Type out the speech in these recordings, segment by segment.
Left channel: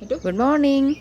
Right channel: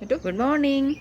मिठू good morning.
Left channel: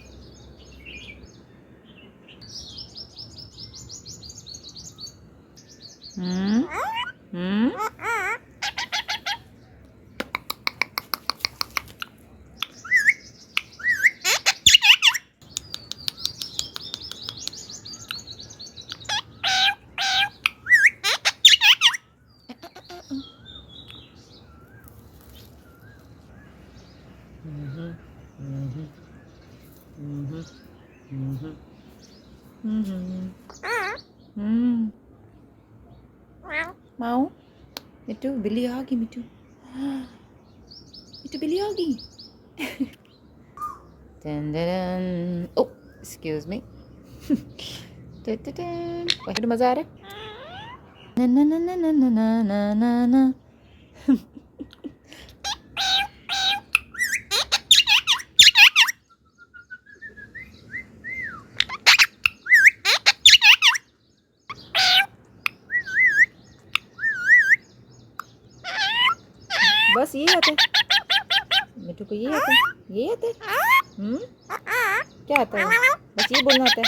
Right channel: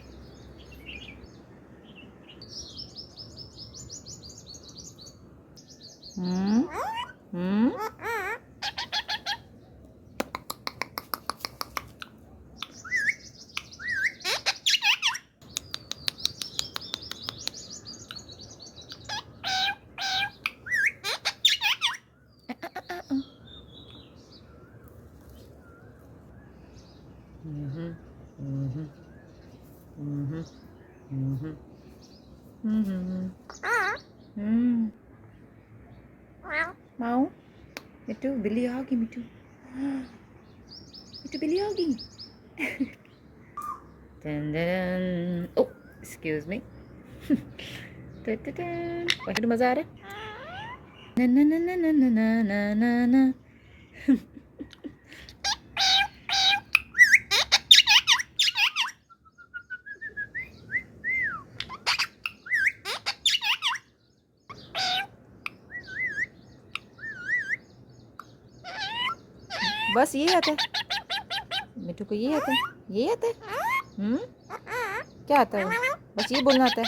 mau itu बिल्ली आ गई. मिठू मिठू बिल्ली आ गई. Oh, excuse me. Wah, itu मजा आ रहा है. Na na na na na na na na na. बस ये आता है मिठू को. ये आता है. ये आता है. क्या आता है? बस ये बोलना आता है.